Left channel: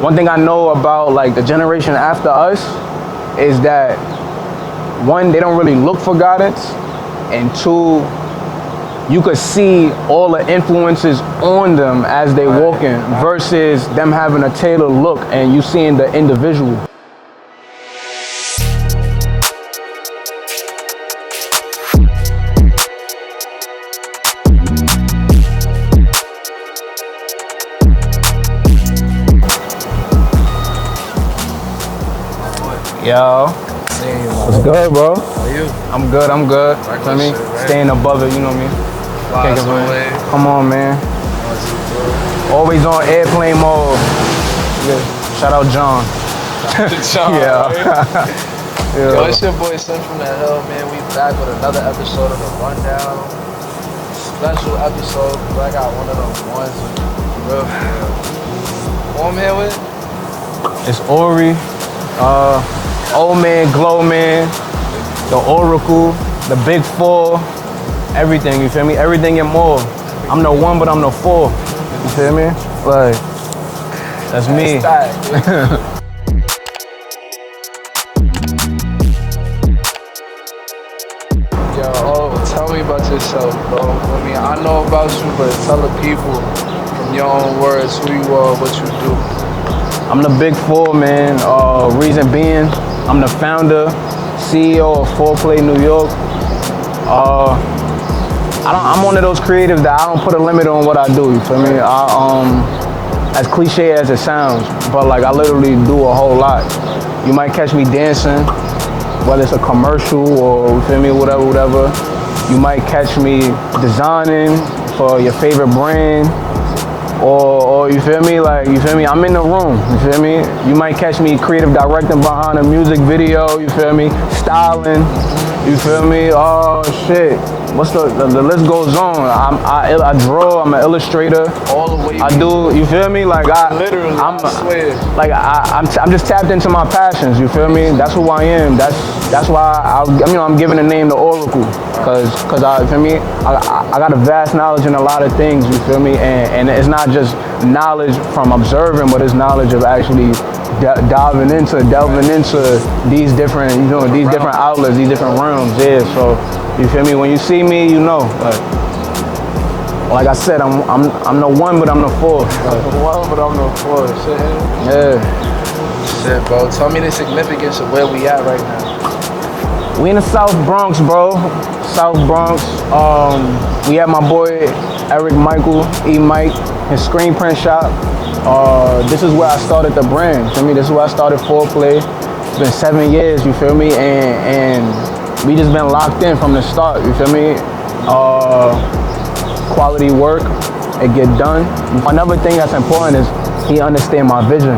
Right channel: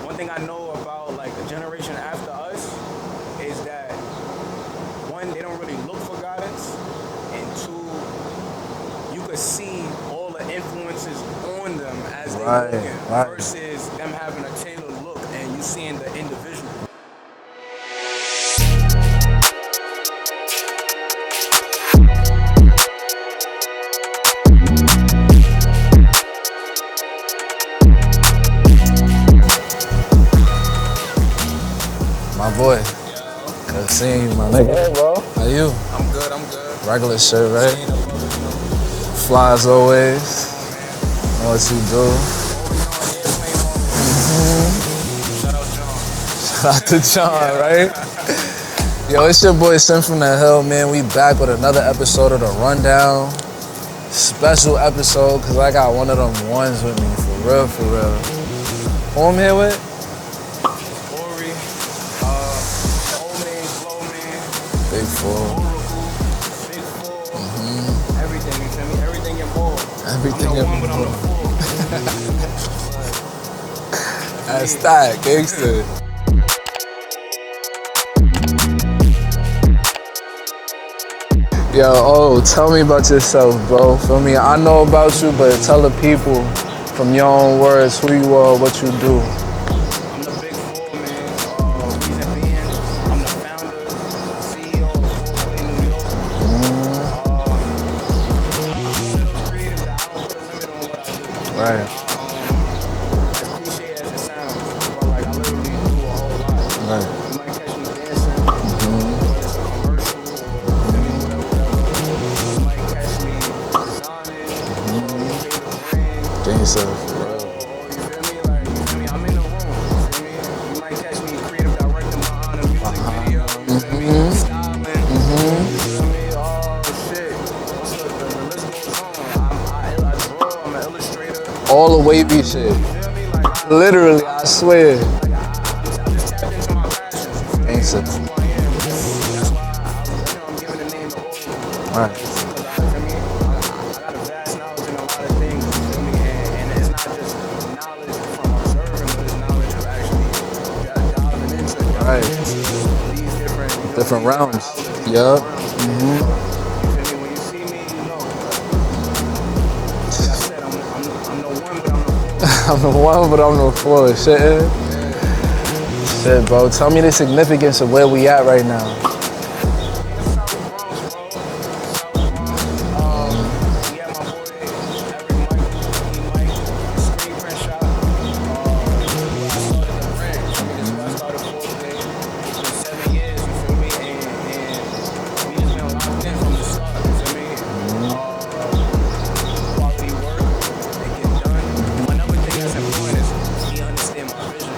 One thing I know about like the generation after us is that one, they don't really look for guidance, and two, you could see all the influences on them as they walking versus them having a tailored look and you seeing the individual. Yo. Good seeing you, man. I'm good, bro. How you? I'm good. Regular shirt, right? Staying above it, you know me. Fly as always. Come on, man. I see you, bro. Always on airplane mode. Shout out John. Shout out to John, right? Yo, it's your boy Sim from the Hill, man. We back with another episode of The Rundown. Special episode, because I got one of them ones with me. For real. Who I'm here with? It's ORIE. Old Man, Glow Man, the Oracle, the Big Four, everything, you feel me? Everything and more. I'm the one, but I'm the four. You feel me? Like, that's me. Yo, tell me about yourself, bro. For me, I know about you, but tell the people from your own words who you are, what you do. I'm the Big Four, man. Reason being, I'm the founder, CEO of Foreplay New York. I'm one of those creatives that I don't put a limit on what I do, you feel me? As cliche as it sounds, but like I literally do a whole lot. Right. You might catch me dancing, whether it's a commercial or, you feel me, whatever. You might catch me designing for your favorite brand. Or you feel me, I'm in the room, you feel me? You might catch me creative directing behind a music video, you feel me? Styling, you feel me? Oh shit, what's the list goes on. I draw, I'm an illustrator. All the way I do, you feel me? Like I swear. Like I'm just tapped into my passions, you feel me? That's who I am. That's why I'm giving the name the Oracle, cause I, you feel me? I got a vast knowledge in a lot of things, you feel me? And it's not just knowledge from observing, but it's knowledge of actually delving into these different, different outlets, these different realms. Yeah, so you feel me? When you see me, you know. Like I said, I'm the one, but I'm the four. I'm the one, but I'm the four. Shit. Yeah. Shit, bro. Tell me the significance of where we at right now. We in the South Bronx, bro. South Bronx. We have my boy Eric Michael, E-Mike, his screen print shop. This is where I started the brand, you feel me? This is where I started Foreplay. It's been 7 years, you feel me? And we just been locked in from the start, you feel me? Quality work, it get done. Another thing that's important is he understand my vision.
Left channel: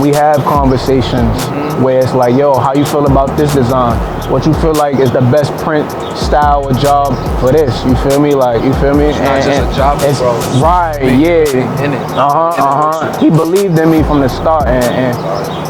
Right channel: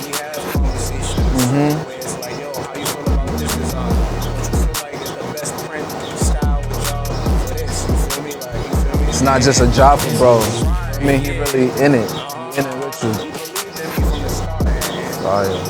We have conversations where it's like, yo, how you feel about this design? What you feel like is the best print style or job for this? You feel me? It's not just a job, bro. Right, yeah. In it. He believed in me from the start, and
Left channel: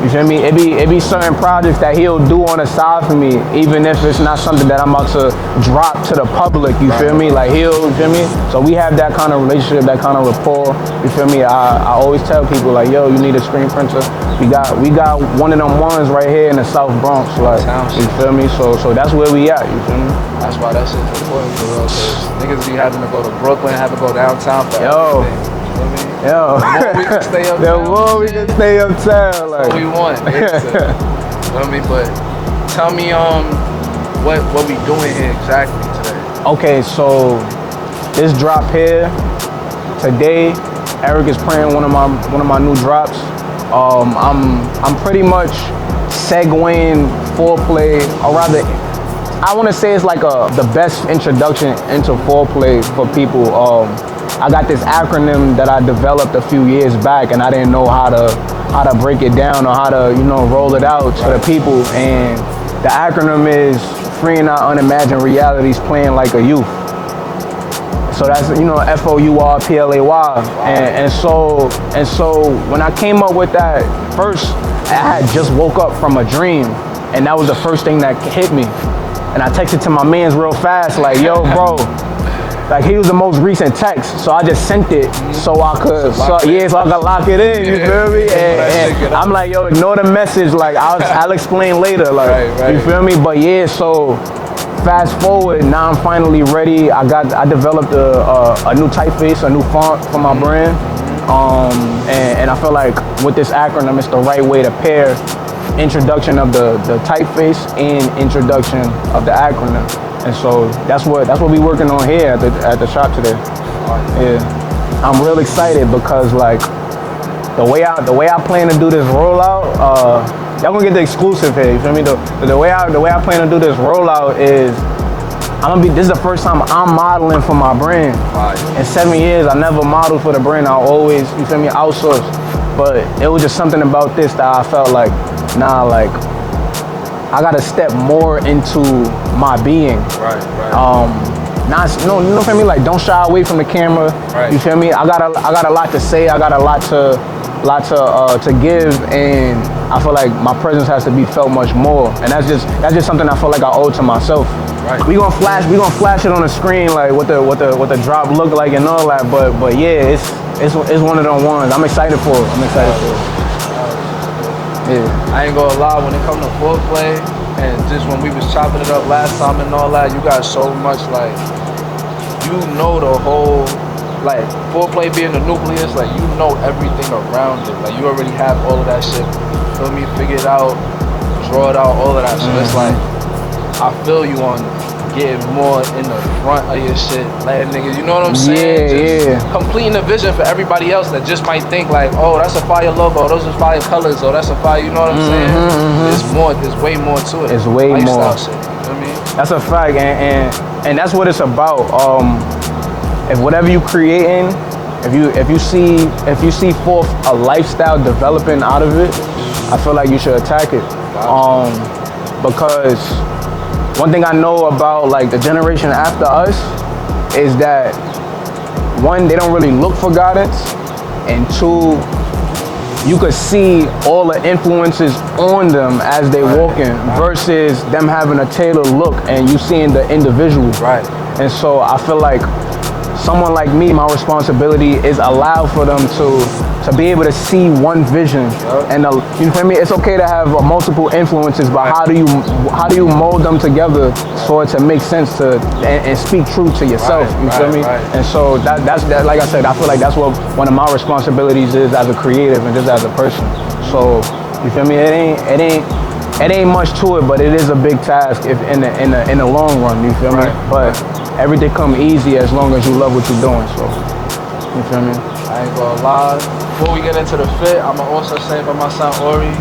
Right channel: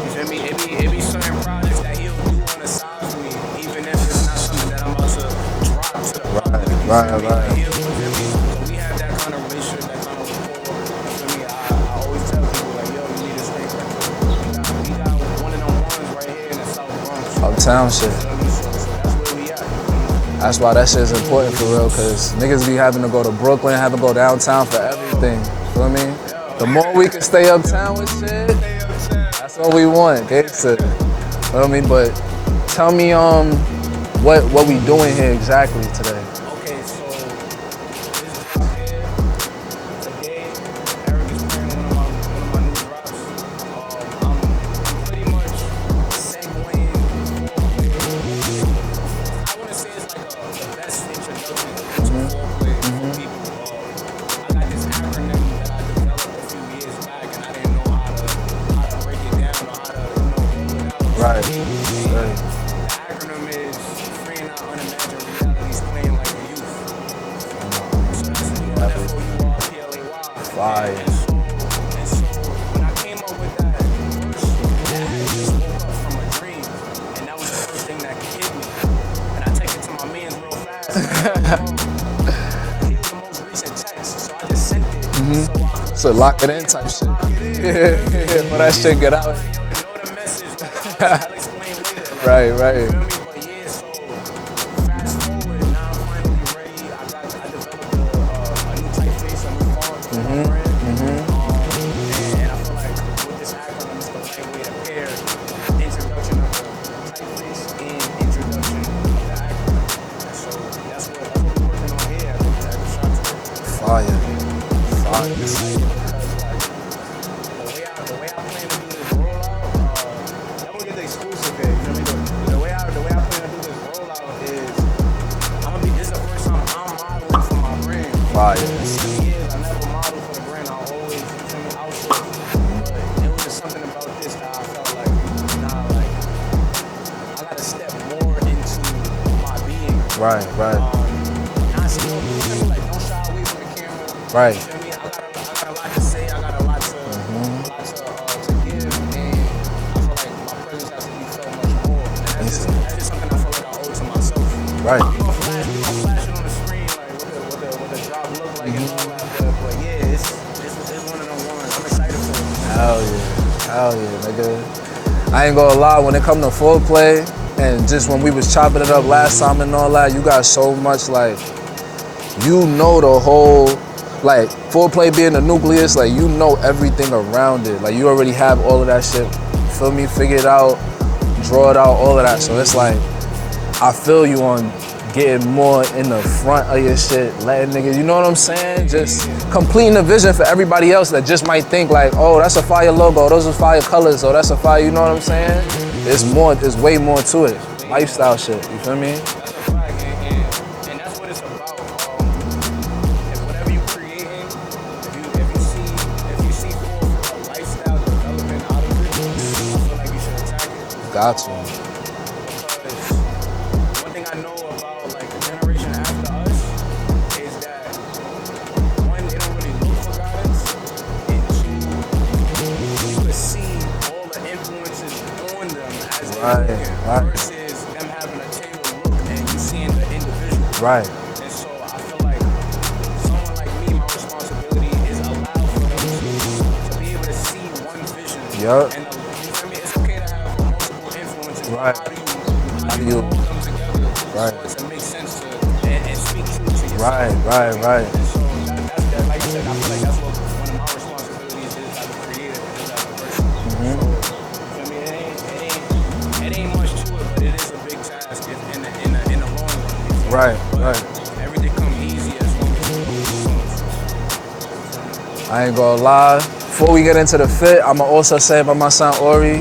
you feel me? It be certain projects that he'll do on the side for me, even if it's not something that I'm about to drop to the public. You feel me? Like you feel me? So we have that kind of relationship, that kind of rapport. You feel me? I always tell people like, yo, you need a screen printer. We got one of them ones right here in the South Bronx. Like, you feel me? So that's where we at. You feel me? That's why that shit's important for real, because niggas be having to go to Brooklyn, having to go downtown for everything. You know what I mean? Yo. The more we can stay uptown. The more we can stay uptown. That's what we want. You know what I mean? But tell me what we doing here exactly today. Okay, so this drop here today, Eric is playing one of my new drops. I'm pretty much segueing Foreplay, or rather, I want to say it's like the best introduction into Foreplay for people. I got this acronym that I developed a few years back, and I didn't know how to break it down or how to roll it out to the people. And the acronym is Freeing Our Unimagined Realities, Playing Like a Youth. So that's FOURPLAY. And so when I came up with that, first I had just woke up from a dream, and that was the first thing that hit me. And I texted to my mans real fast, like, yo, bro, like he was the most recent text, so I just sent it so I could, so I could lock it in. You feel me? And I'm like, yo, ignore the message. Like I'll explain later. Like right. you feel me? But yeah, so fast forward, now I'm finally ready. I developed a new typeface, a new font for my brand. And I feel like with this acronym, it's the right way to pair introduction of the typeface and introduction of the acronym. And so that's what we working on here at the shop today. Yeah, I'm real excited because like the way I plan to do this rollout, y'all gonna get the exclusive here. You feel me? The way I plan to do this rollout is this is the first time I'm modeling for my brand. In 7 years, I never modeled for the brand. I always, you feel me, outsource. But it was just something about this that I felt like, nah, like I gotta step more into my being. Right. You feel me? Like don't shy away from the camera. Right. You feel me? I got a lot to say. I got a lot to give, and I feel like my presence has to be felt much more. And that's just something I feel like I owe to myself. Right. We gonna flash it on the screen like what the drop look like and all that. But yeah, it's one of them ones. I'm excited for it. Yeah. I ain't gonna lie, when it come to foreplay and just when we was chopping it up last time and all that, you got so much like, you know, the whole, like foreplay being the nucleus, like you know everything around it. Like you already have all of that shit, feel me, figure it out, draw it out, all of that. So it's like, I feel you on getting more in the front of your shit, letting niggas, you know what I'm saying? Just completing the vision for everybody else that just might think like, oh, that's a fire logo, those are fire colors, or that's a fire, you know what I'm saying? There's way more to it. It's way lifestyle more. Shit, you feel me? That's a fact, and that's what it's about. If whatever you creating, if you see forth a lifestyle developing out of it, I feel like you should attack it. Because one thing I know about like the generation after us is that one, they don't really look for guidance, and two, you could see all the influences on them as they walking versus them having a tailored look and you seeing the individual. Right. And so I feel like someone like me, my responsibility is allow for them to be able to see one vision. And you feel me? It's okay to have multiple influences, but how do you mold them together for it to make sense and speak true to yourself? You feel me? And so that's like I said, I feel like that's what one of my responsibilities is as a creative and just as a person. So you feel me? It ain't much to it, but it is a big task if in the long run. You feel me? But everything come easy as long as you love what you're doing. So you feel me? I ain't gonna lie. Before we get into the fit, I'ma also say about my son ORIE.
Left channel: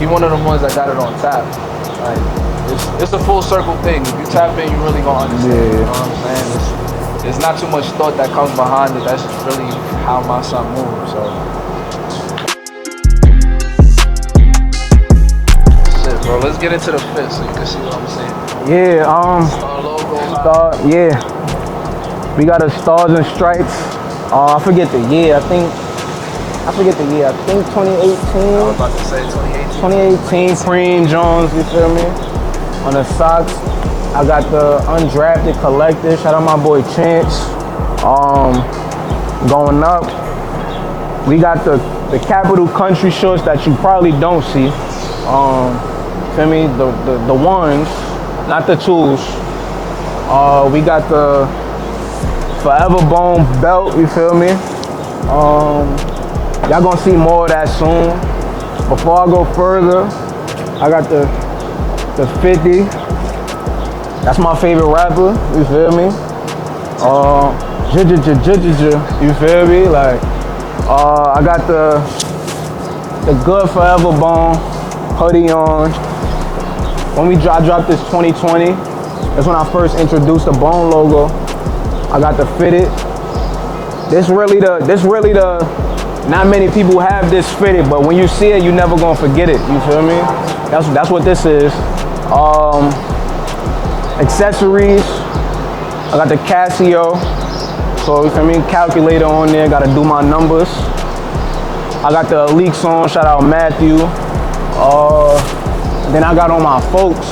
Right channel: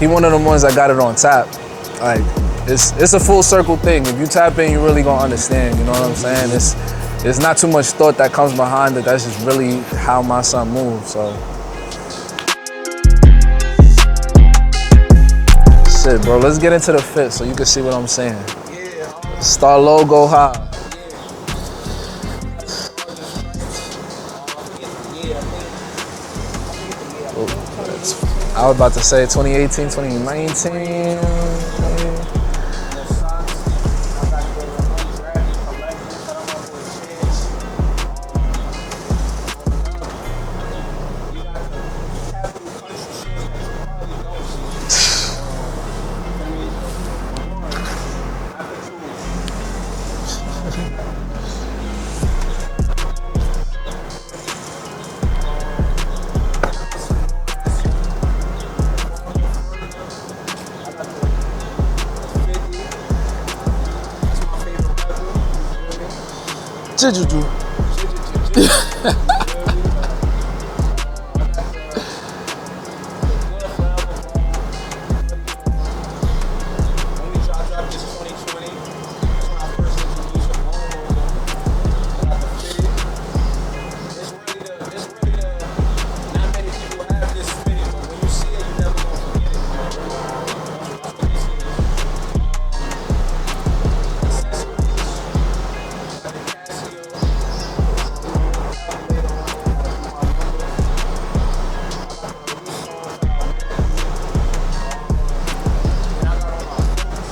He one of them ones that got it on tap. Like it's a full circle thing. If you tap in, you really gonna understand. You know what I'm saying? There's not too much thought that comes behind it. That's just really how my son moves. So. Shit, bro, let's get into the fit so you can see what I'm saying. Yeah, Star logo, yeah. We got a stars and stripes. I forget the year. I think 2018. I was about to say 2018 Cream Jones, you feel me? On the socks, I got the undrafted collector. Shout out my boy Chance. Going up, we got the Capital Country shorts that you probably don't see. Feel me? The ones, not the twos. We got the Forever Bone belt, you feel me? Y'all gonna see more of that soon. Before I go further, I got the 50. That's my favorite rapper, you feel me? You feel me? Like, I got the good Forever Bone hoodie on. When I dropped this 2020, that's when I first introduced the Bone logo. I got the fitted. This really the, not many people have this fitted, but when you see it, you never gonna forget it, you feel me? That's what this is. Accessories, I got the Casio, so you feel me, calculator on there, gotta do my numbers. I got the Leaks on, shout out Matthew. Then I got on my folks.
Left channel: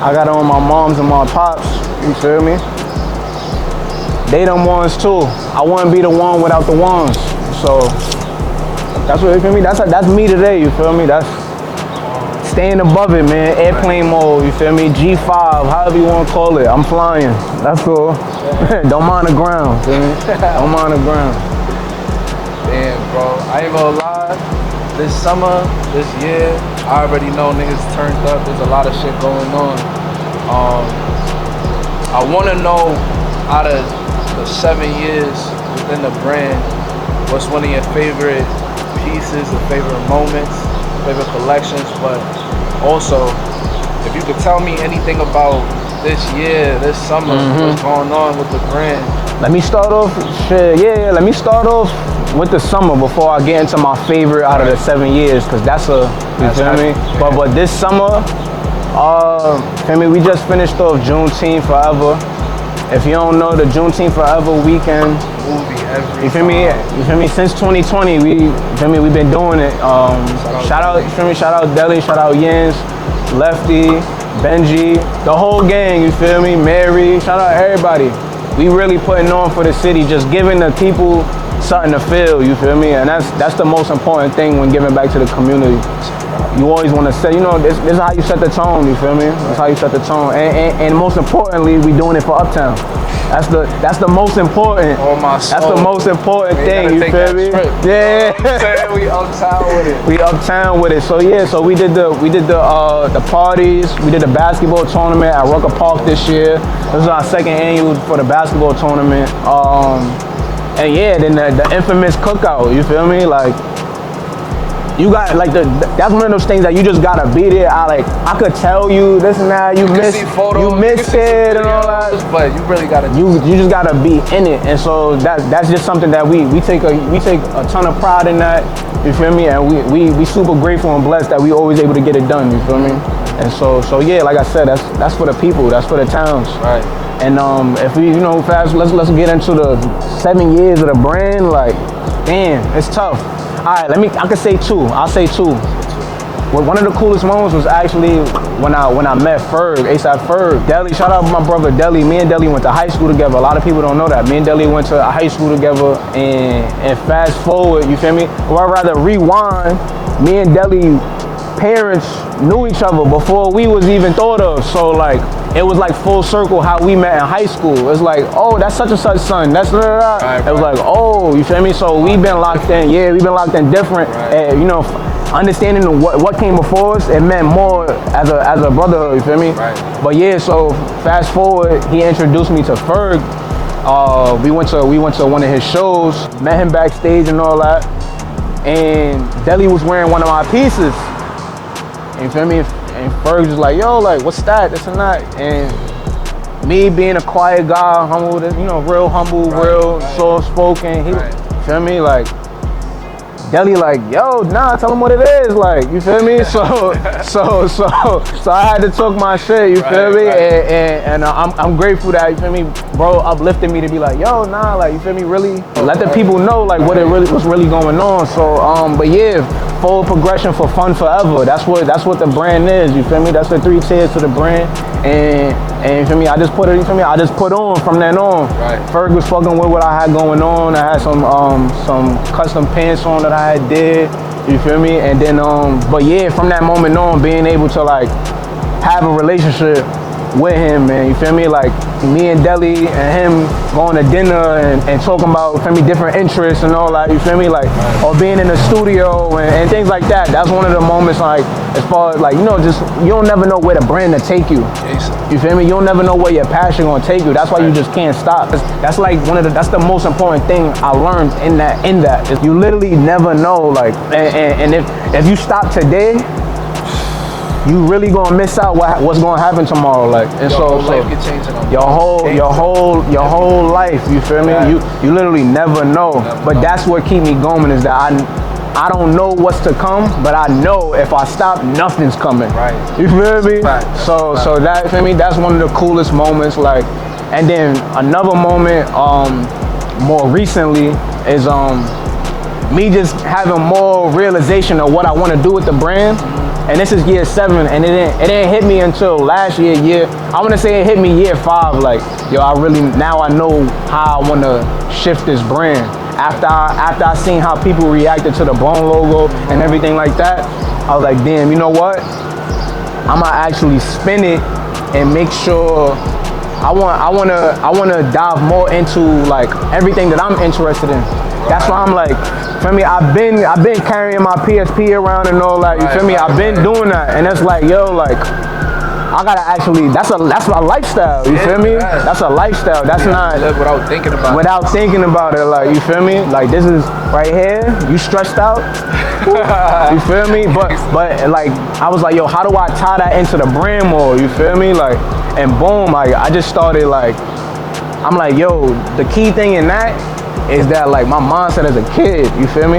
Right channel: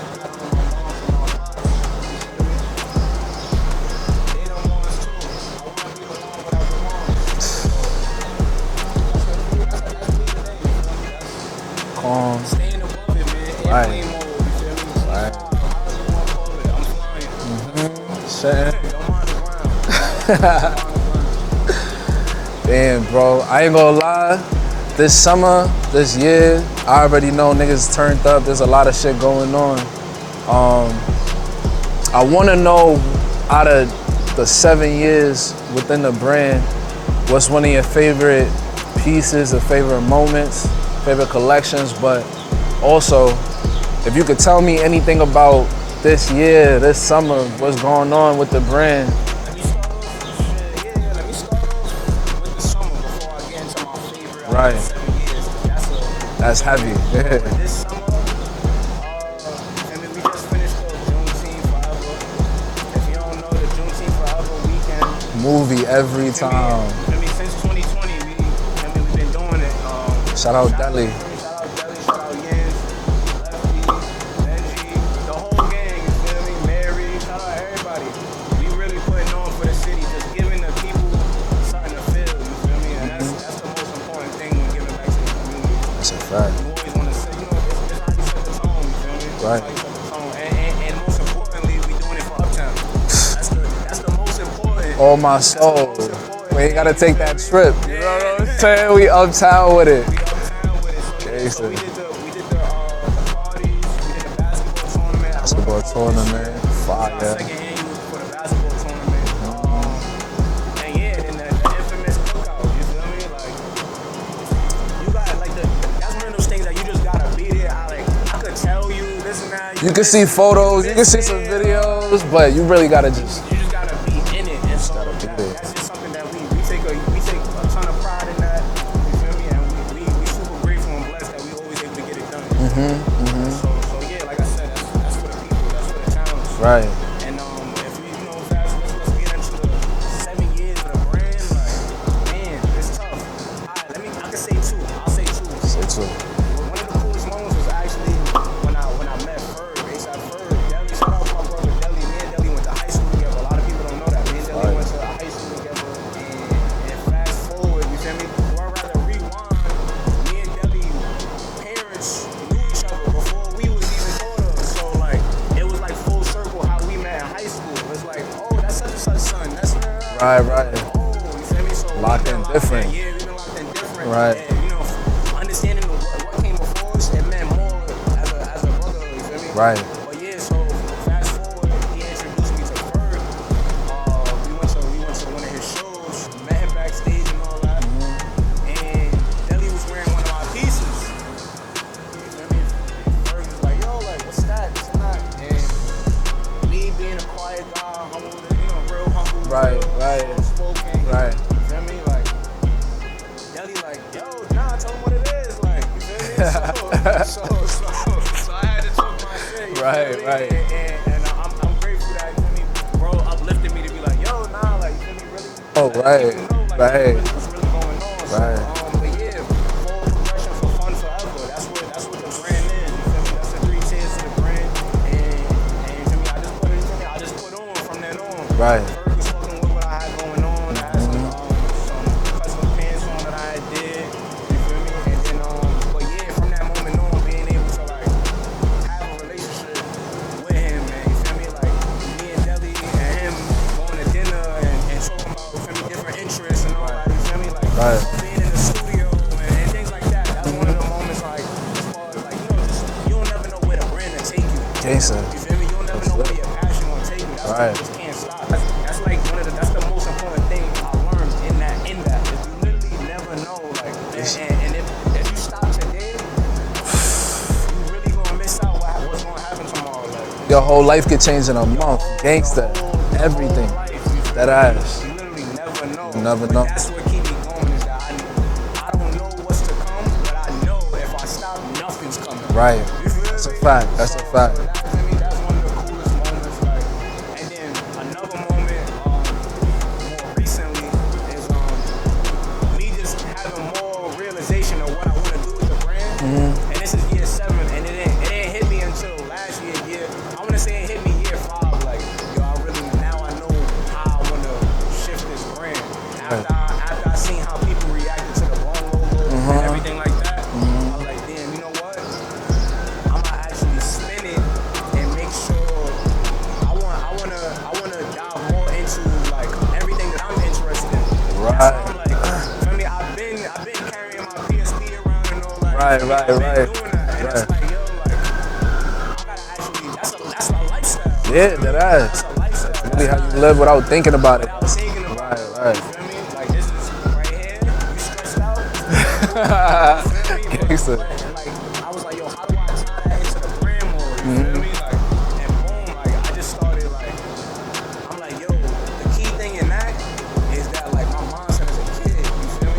I got on my moms and my pops, you feel me? they them ones too. I wouldn't be the one without the ones. So that's what, you feel me? That's me today, you feel me? That's staying above it, man. Airplane mode, you feel me? G5, however you want to call it. I'm flying. That's cool. Don't mind the ground, feel me? Don't mind the ground. Damn, bro. I ain't gonna lie. This summer, this year, I already know niggas turned up. There's a lot of shit going on. I want to know, out of the 7 years within the brand, what's one of your favorite pieces, or favorite moments, favorite collections, but also, if you could tell me anything about this year, this summer, what's going on with the brand. Let me start off, let me start off with the summer before I get into my favorite out of the 7 years, because that's you feel me? Yeah. But this summer, feel me, we just finished off Juneteenth Forever. If you don't know, the Juneteenth Forever weekend movie every time. You feel me? Since 2020, we've been doing it. Shout out, you feel me? Shout out Deli, shout out Yins, Lefty, Benji, the whole gang, you feel me? Mary, shout out everybody. We really putting on for the city, just giving the people something to feel, you feel me? And that's the most important thing when giving back to the community. You always want to say, you know, this is how you set the tone, you feel me? Right. That's how you set the tone. And most importantly, we doing it for Uptown. That's the most important. Oh my soul. That's the most important thing, you take feel that me? Trip. Yeah. You know what I'm saying? We Uptown with it. We Uptown with it. So yeah, so we did the parties, we did the basketball tournament at Rucker Park this year. This was our second annual for the basketball tournament. And yeah, then the infamous cookout, you feel me? Like, you got, like, that's one of those things that you just gotta be there. I could tell you this and that. You can see photos, you can see some videos, but you really gotta you just gotta be in it. And so that's just something that we take a ton of pride in that, you feel me? And we super grateful and blessed that we always able to get it done, you feel me? And so yeah, like I said, that's for the people, that's for the towns. Right. And if we, you know, fast, let's get into the 7 years of the brand. Like, damn, it's tough. All right, I can say two. I'll say two. Well, one of the coolest moments was actually when I met Ferg, ASAP Ferg. Deli, shout out to my brother Deli. Me and Deli went to high school together. A lot of people don't know that. Me and Deli went to a high school together, and fast forward, you feel me? Or I'd rather rewind, me and Deli parents knew each other before we was even thought of. So like, it was like full circle how we met in high school. It's like, oh, that's such and such son. That's It was like, oh, you feel me? So we've been locked in. Yeah, we've been locked in different. And, you know, understanding what came before us, it meant more as a brotherhood. You feel me? Right. But yeah, so fast forward, he introduced me to Ferg. We went to one of his shows, met him backstage and all that. And Deli was wearing one of my pieces. You feel me? And Ferg was like, yo, like, what's that? This and that. And me being a quiet guy, humble, you know, real humble, real soft-spoken. You feel me? Like, Deli like, yo, nah, tell him what it is. Like, you feel me? So I had to talk my shit, you feel me? And I'm grateful that, you feel me, bro uplifted me to be like, yo, nah, like, you feel me, really let the people know like what's really going on. So but yeah, forward progression for fun forever. That's what the brand is, you feel me? That's the 3 tiers to the brand. And you feel me, I just put on from then on. Ferg was fucking with what I had going on. I had some custom pants on that I did, you feel me? And then but yeah, from that moment on, being able to like have a relationship with him, man, you feel me? Like me and Deli and him going to dinner and talking about, you feel me, different interests and all that, you feel me? Like, or being in the studio and things like that. That's one of the moments, like, as far as like, you know, just, you don't never know where the brand to take you. You feel me? You don't never know where your passion gonna take you. That's why you just can't stop. That's like that's the most important thing I learned in that. You literally never know, like, and if you stop today, you really gonna miss out what's gonna happen tomorrow. Like, and your whole life could change in a your whole life. You feel me? You literally never know. But that's what keep me going, is that I don't know what's to come, but I know if I stop, nothing's coming. You feel me? So that, for me, that's one of the coolest moments. Like, and then another moment, more recently, is me just having more realization of what I want to do with the brand. And this is year 7, and it didn't hit me until last year. I want to say it hit me year 5. Like, yo, now I know how I want to shift this brand. After I seen how people reacted to the Bone logo and everything like that, I was like, damn, you know what? I'ma actually spin it and make sure I wanna dive more into like everything that I'm interested in. That's why I'm like, feel me? I've been carrying my PSP around and all that. You feel me? I've been doing that, and it's like, yo, like I gotta actually. That's a lifestyle. You feel me? That's a lifestyle. That's not without thinking about it. Without thinking about it, like, you feel me? Like, this is right here. You stressed out. You feel me? But like, I was like, yo, how do I tie that into the brand more? You feel me? Like, and boom, like, I just started like, I'm like, yo, the key thing in that is that like my mindset as a kid, you feel me?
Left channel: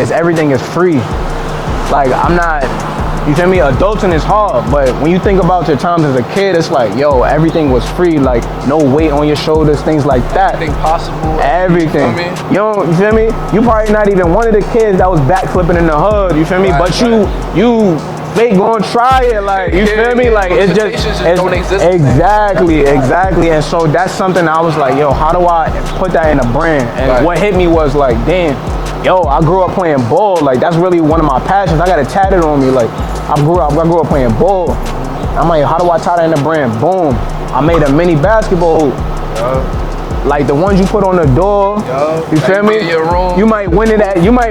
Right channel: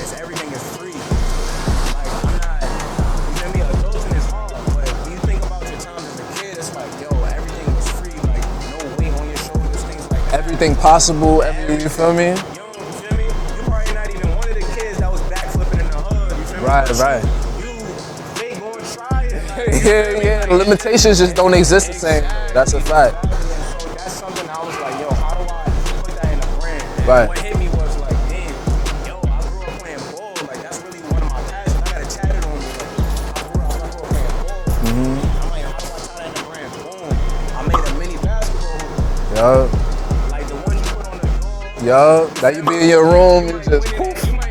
Is everything is free. Like, I'm not, you feel me? Adulting is hard, but when you think about your times as a kid, it's like, yo, everything was free. Like, no weight on your shoulders, things like that. Everything possible. Everything. You feel me? You probably not even one of the kids that was backflipping in the hood, you feel me? But you gonna try it, like, you feel me? Like, limitations just don't exist. Exactly. And so that's something I was like, yo, how do I put that in a brand? And what hit me was like, damn, yo, I grew up playing ball. Like, that's really one of my passions. I got it tatted on me. Like, I grew up playing ball. I'm like, how do I tie that in the brand? Boom. I made a mini basketball hoop. Like the ones you put on the door. You feel me? You might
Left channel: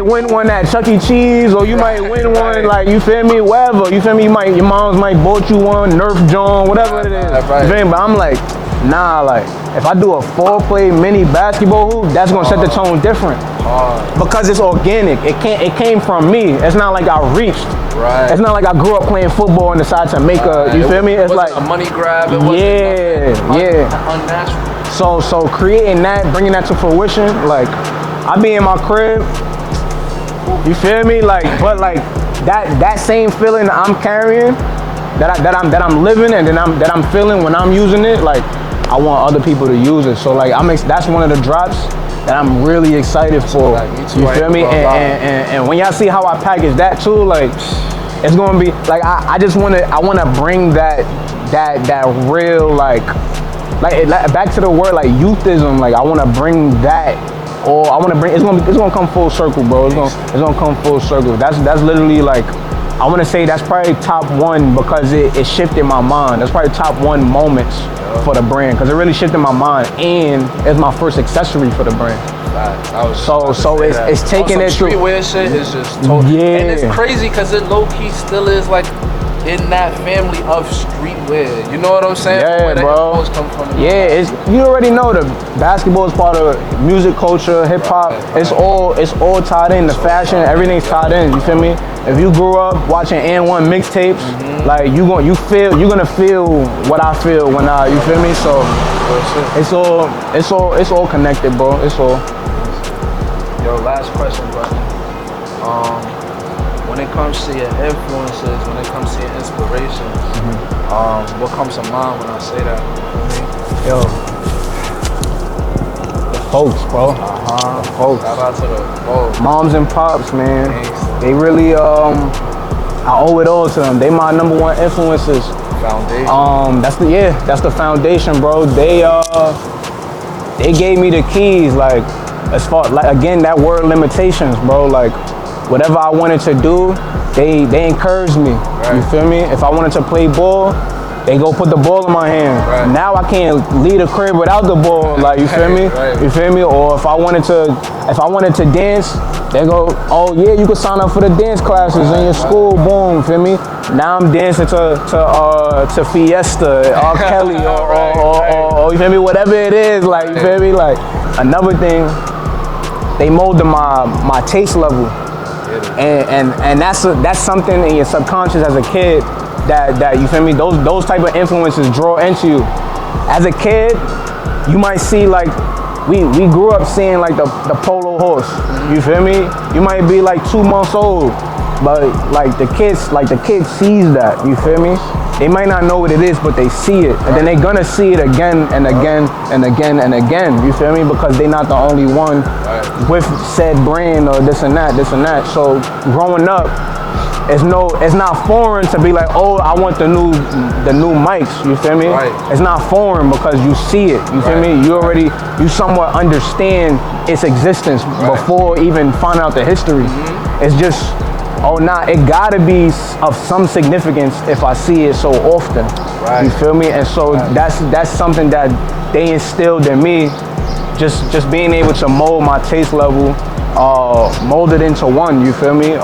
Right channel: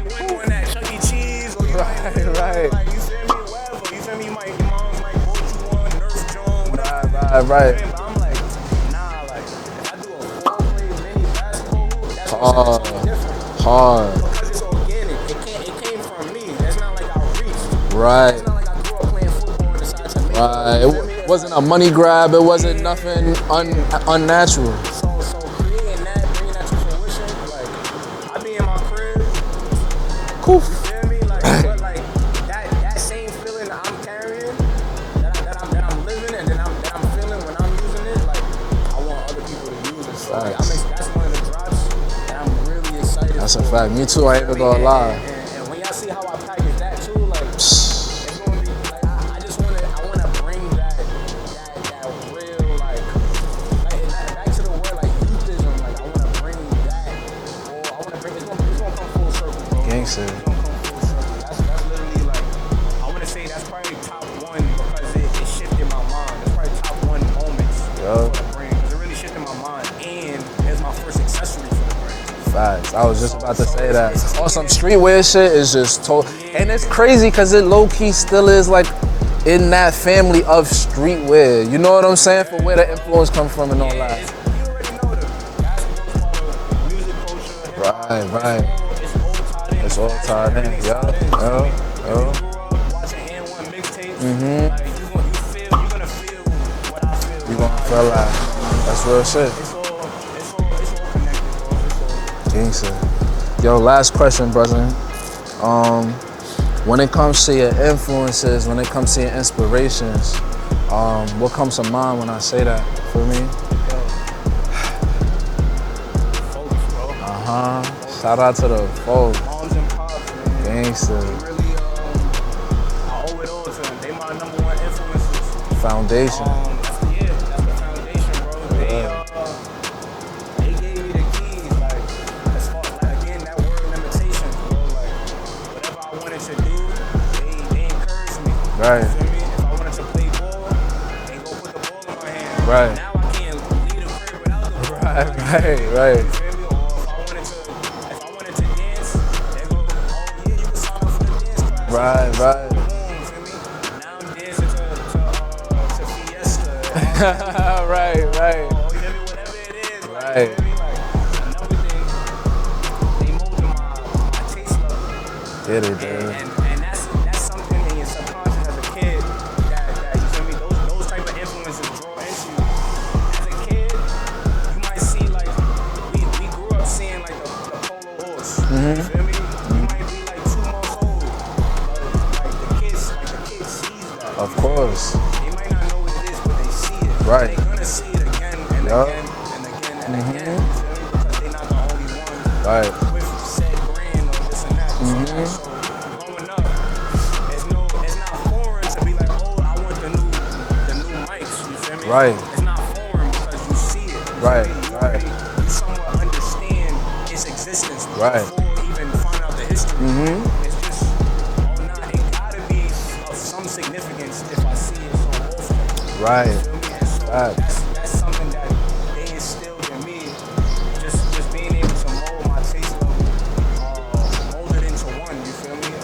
win one at Chuck E. Cheese, or you might win one, like, you feel me, wherever. You feel me? Your moms might bought you one, Nerf John, whatever it is. You feel me? But I'm like, nah, like, if I do a 4-play mini basketball hoop, that's gonna set the tone different. Because it's organic. It came from me. It's not like I reached. It's not like I grew up playing football and decided to make you feel me? It's wasn't like a money grab. It wasn't nothing unnatural. So creating that, bringing that to fruition, like, I be in my crib. You feel me? Like, but like that same feeling I'm carrying, that I'm living, and that I'm feeling when I'm using it, like, I want other people to use it. So like, that's one of the drops that I'm really excited for. Like, me too. You feel me? And when y'all see how I package that too, like, it's gonna be like, I wanna bring that real like back to the word like youthism. Like, I wanna bring that, or I wanna bring it's gonna come full circle, bro. It's gonna come full circle. That's literally like, I wanna say that's probably top 1 because it shifted my mind. That's probably top 1 moments for the brand, because it really shifted my mind, and it's my first accessory for the brand. So it's taking it through. Streetwear shit is just total. And it's crazy because it low key still is like in that family of streetwear. You know what I'm saying? Yeah, where bro. That come from. You already know the basketball is part of music culture, hip hop. It's all tied in. The fashion, everything's tied in. You feel me? If you grew up watching N1 mixtapes, like, you're gonna feel what I feel when you feel me? So it's all connected, bro. It's all. Yo, last question, brother. When it comes to your influences, when it comes to your inspirations, what comes to mind when I say that? For me, yo, the folks, bro. Folks. Shout out to the folks. Moms and pops, man. They really, I owe it all to them. They my number 1 influences. Foundation. That's the foundation, bro. They gave me the keys, like, as far, like, again, that word limitations, bro. Like, whatever I wanted to do, they encouraged me. You feel me? If I wanted to play ball, they go put the ball in my hand. Now I can't leave the crib without the ball. Like, you feel me? You feel me? Or if I wanted to dance, they go, oh yeah, you can sign up for the dance classes in your school. Boom, you feel me? Now I'm dancing to Fiesta, R. Kelly, or you feel me? Whatever it is, like, you feel me? Like, another thing, they molded my taste level. And that's something in your subconscious as a kid that you feel me, those type of influences draw into you. As a kid, you might see, like, we grew up seeing like the polo horse. You feel me? You might be like 2 months old. But like the kid sees that, you feel me? They might not know what it is, but they see it. And then they're gonna see it again and again and again and again, you feel me? Because they're not the only one with said brand or this and that. So growing up, it's not foreign to be like, oh, I want the new mics, you feel me? It's not foreign because you see it, you feel me? You somewhat understand its existence before even find out the history. It's just, oh nah, it gotta be of some significance if I see it so often. You feel me? And so that's something that they instilled in me, just being able to mold my taste level, mold it into one, you feel me?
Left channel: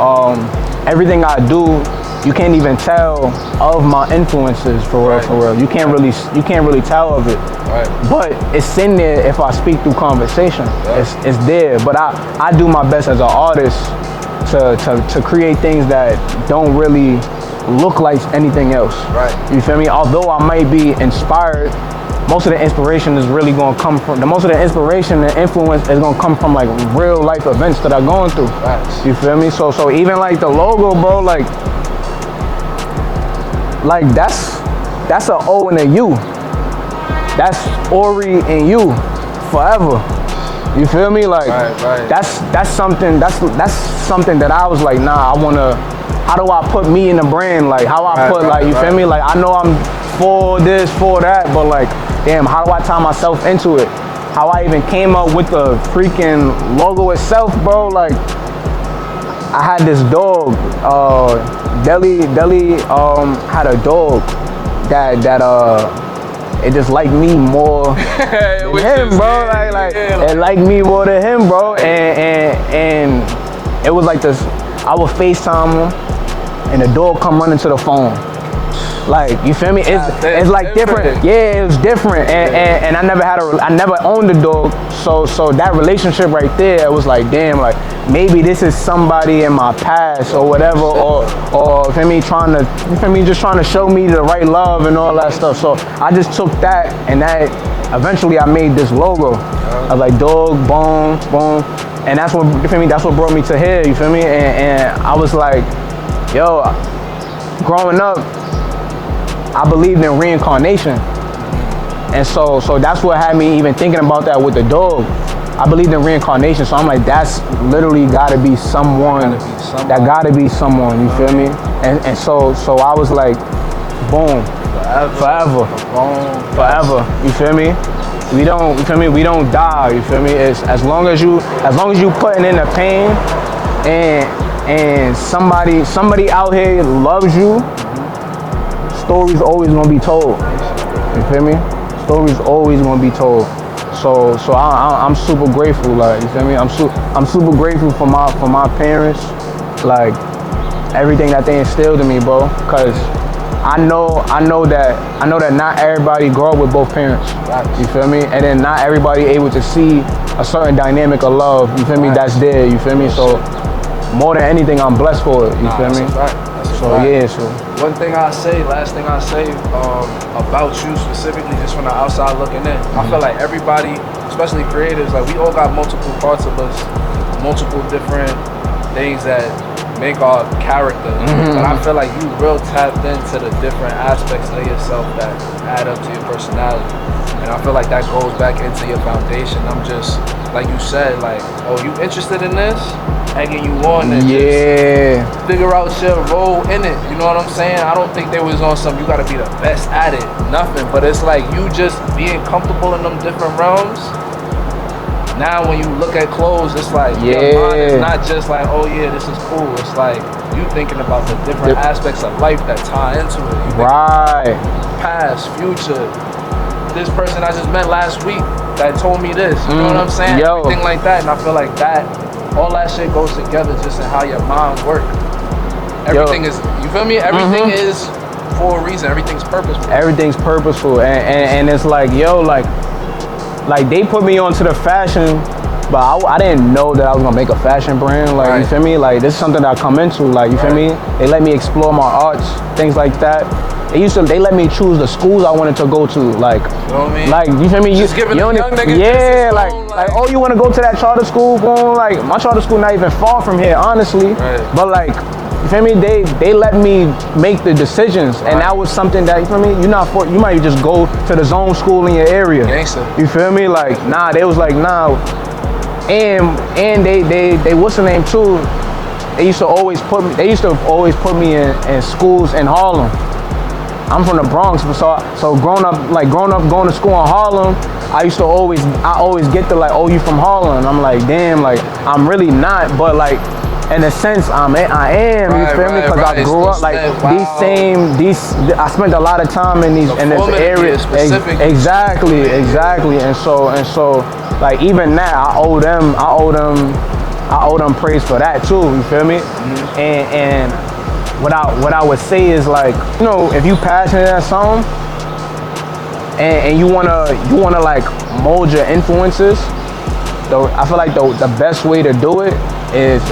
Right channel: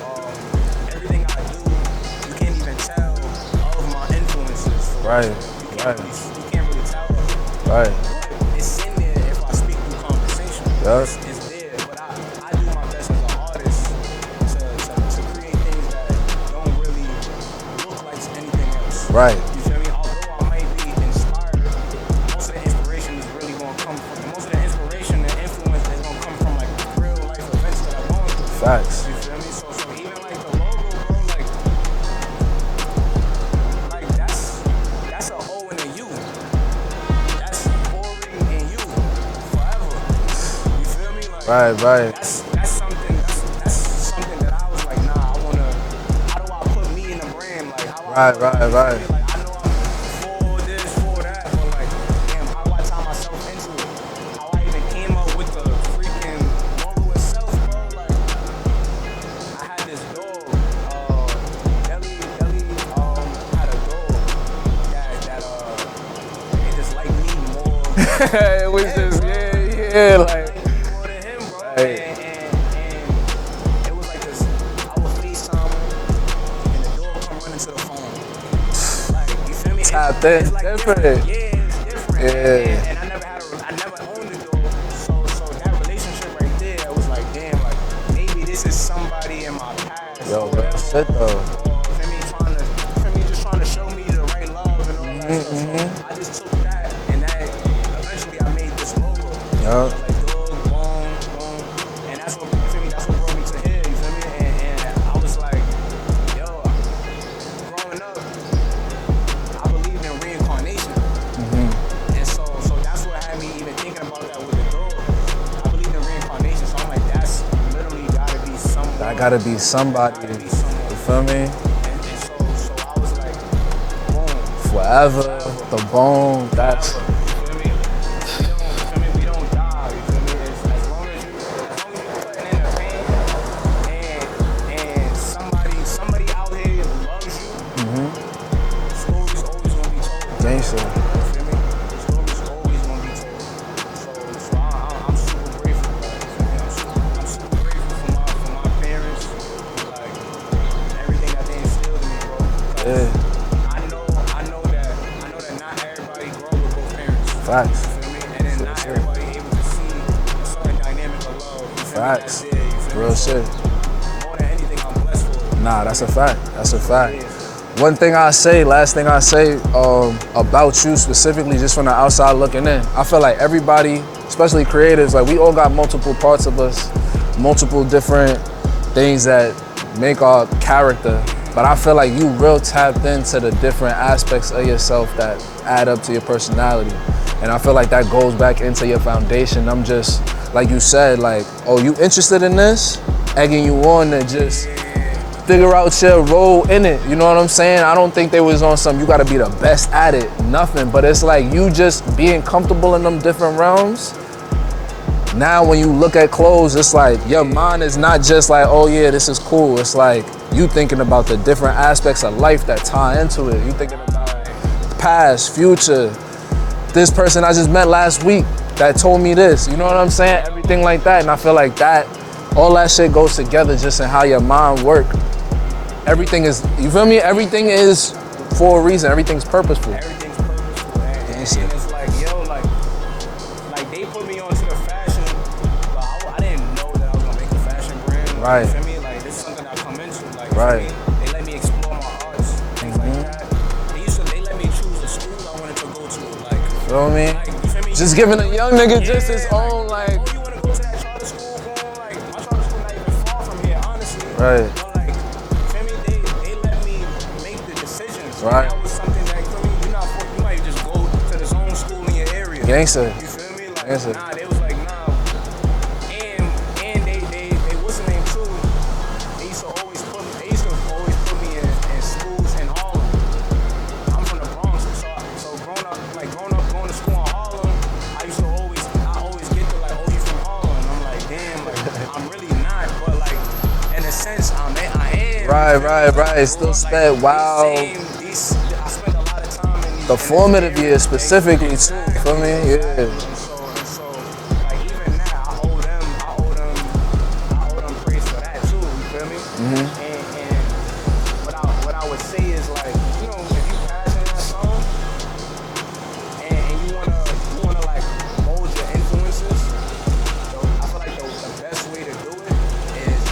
Everything I do, you can't even tell of my influences for real. You can't really tell of it. But it's in there if I speak through conversation. It's there. But I do my best as an artist to create things that don't really look like anything else. You feel me? Although I might be inspired, most of the inspiration is really gonna come from, most of the inspiration and influence is gonna come from like real life events that I'm going through. You feel me? So even like the logo, bro, like that's a O and a U. That's ORIE and you forever. You feel me? Like that's something that I was like, nah, how do I put me in the brand? Like how I put you feel me? Like I know I'm for this, for that, but like, damn, how do I tie myself into it? How I even came up with the freaking logo itself, bro. Like I had this dog, Deli had a dog that it just liked me more than him, bro. It liked me more than him, bro. And it was like this, I would FaceTime him and the dog come running to the phone. Like, you feel me? It's like different. Yeah, it was different. And I never owned a dog. So that relationship right there, it was like, damn, like maybe this is somebody in my past or whatever, or you feel me, just trying to show me the right love and all that stuff. So I just took that, and that eventually I made this logo. I was like dog, bone, and that's what, you feel me, that's what brought me to here, you feel me? And I was like, yo, growing up, I believed in reincarnation. And so that's what had me even thinking about that with the dog. I believed in reincarnation, so I'm like, that's literally gotta be someone. That gotta be someone, you feel me? And so I was like, boom. Forever. Boom. Forever. You feel me? We don't die, you feel me? It's as long as you putting in the pain and somebody out here loves you, stories always gonna be told. You feel me? Stories always gonna be told. So I'm super grateful, like, you feel me? I'm super grateful for my parents, like everything that they instilled in me, bro. Cause I know that not everybody grow up with both parents. You feel me? And then not everybody able to see a certain dynamic of love. You feel me? That's there. You feel me? So more than anything, I'm blessed for it. You feel me? That's a fact. That's a fact. Yeah, so. Last thing I say about you specifically, just from the outside looking in, I feel like everybody, especially creatives, like we all got multiple parts of us, multiple different things that make our character. But I feel like you real tapped into the different aspects of yourself that add up to your personality. And I feel like that goes back into your foundation. I'm just, like you said, like, oh, you interested in this? Egging you on and just figure out your role in it. You know what I'm saying? I don't think there was on some, you gotta be the best at it, nothing. But it's like you just being comfortable in them different realms. Now when you look at clothes, it's like your mind is not just like, oh yeah, this is cool. It's like you thinking about the different aspects of life that tie into it. You past, future. This person I just met last week that told me this. You know what I'm saying? Everything like that. And I feel like that, all that shit goes together just in how your mind works. Everything is, you feel me? Everything is for a reason. Everything's purposeful. Everything's purposeful. And it's like, yo, like they put me onto the fashion, but I didn't know that I was gonna make a fashion brand. Like, you feel me? Like, this is something that I come into. Like, you feel me? They let me explore my arts, things like that. They let me choose the schools I wanted to go to. Like, you feel me? Just giving a young nigga like, oh, you want to go to that charter school? Boom, like, my charter school not even far from here, honestly. But like, you feel me? They let me make the decisions, and that was something that, you feel me? You might just go to the zone school in your area. Gangster. You feel me? Like, nah, they was like, nah. And they what's the name too? They used to always put me in schools in Harlem. I'm from the Bronx, so growing up going to school in Harlem, I always get the like, oh, you from Harlem? And I'm like, damn, like I'm really not, but like in a sense I am. You feel me? Because I grew up like I spent a lot of time in this area. Exactly. And so like even now I owe them praise for that too. You feel me? Mm-hmm. And what I would say is, like, you know, if you passionate at something and you wanna like mold your influences, though, I feel like the best way to do it is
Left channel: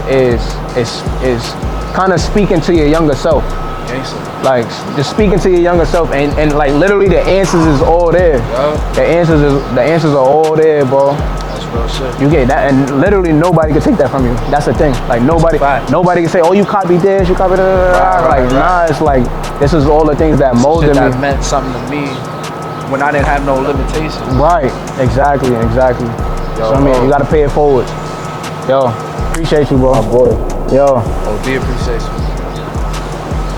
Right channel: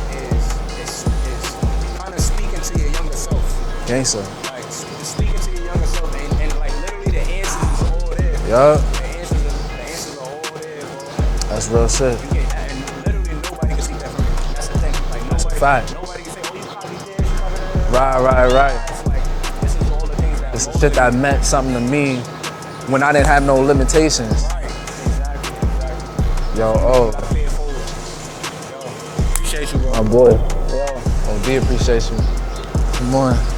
kind of speaking to your younger self. Gangster. Like just speaking to your younger self, and like literally the answers is all there. Yeah. The answers are all there, bro. That's real shit. You get that, and literally nobody can take that from you. That's the thing. Like nobody can say, oh, you copied this, you copied that. Right. Nah, it's like this is all the things that molded me. That meant something to me when I didn't have no limitations. Right. Exactly. So I mean, you gotta pay it forward. Yo, appreciate you, bro. My boy. Yo. OD appreciate you. Come on.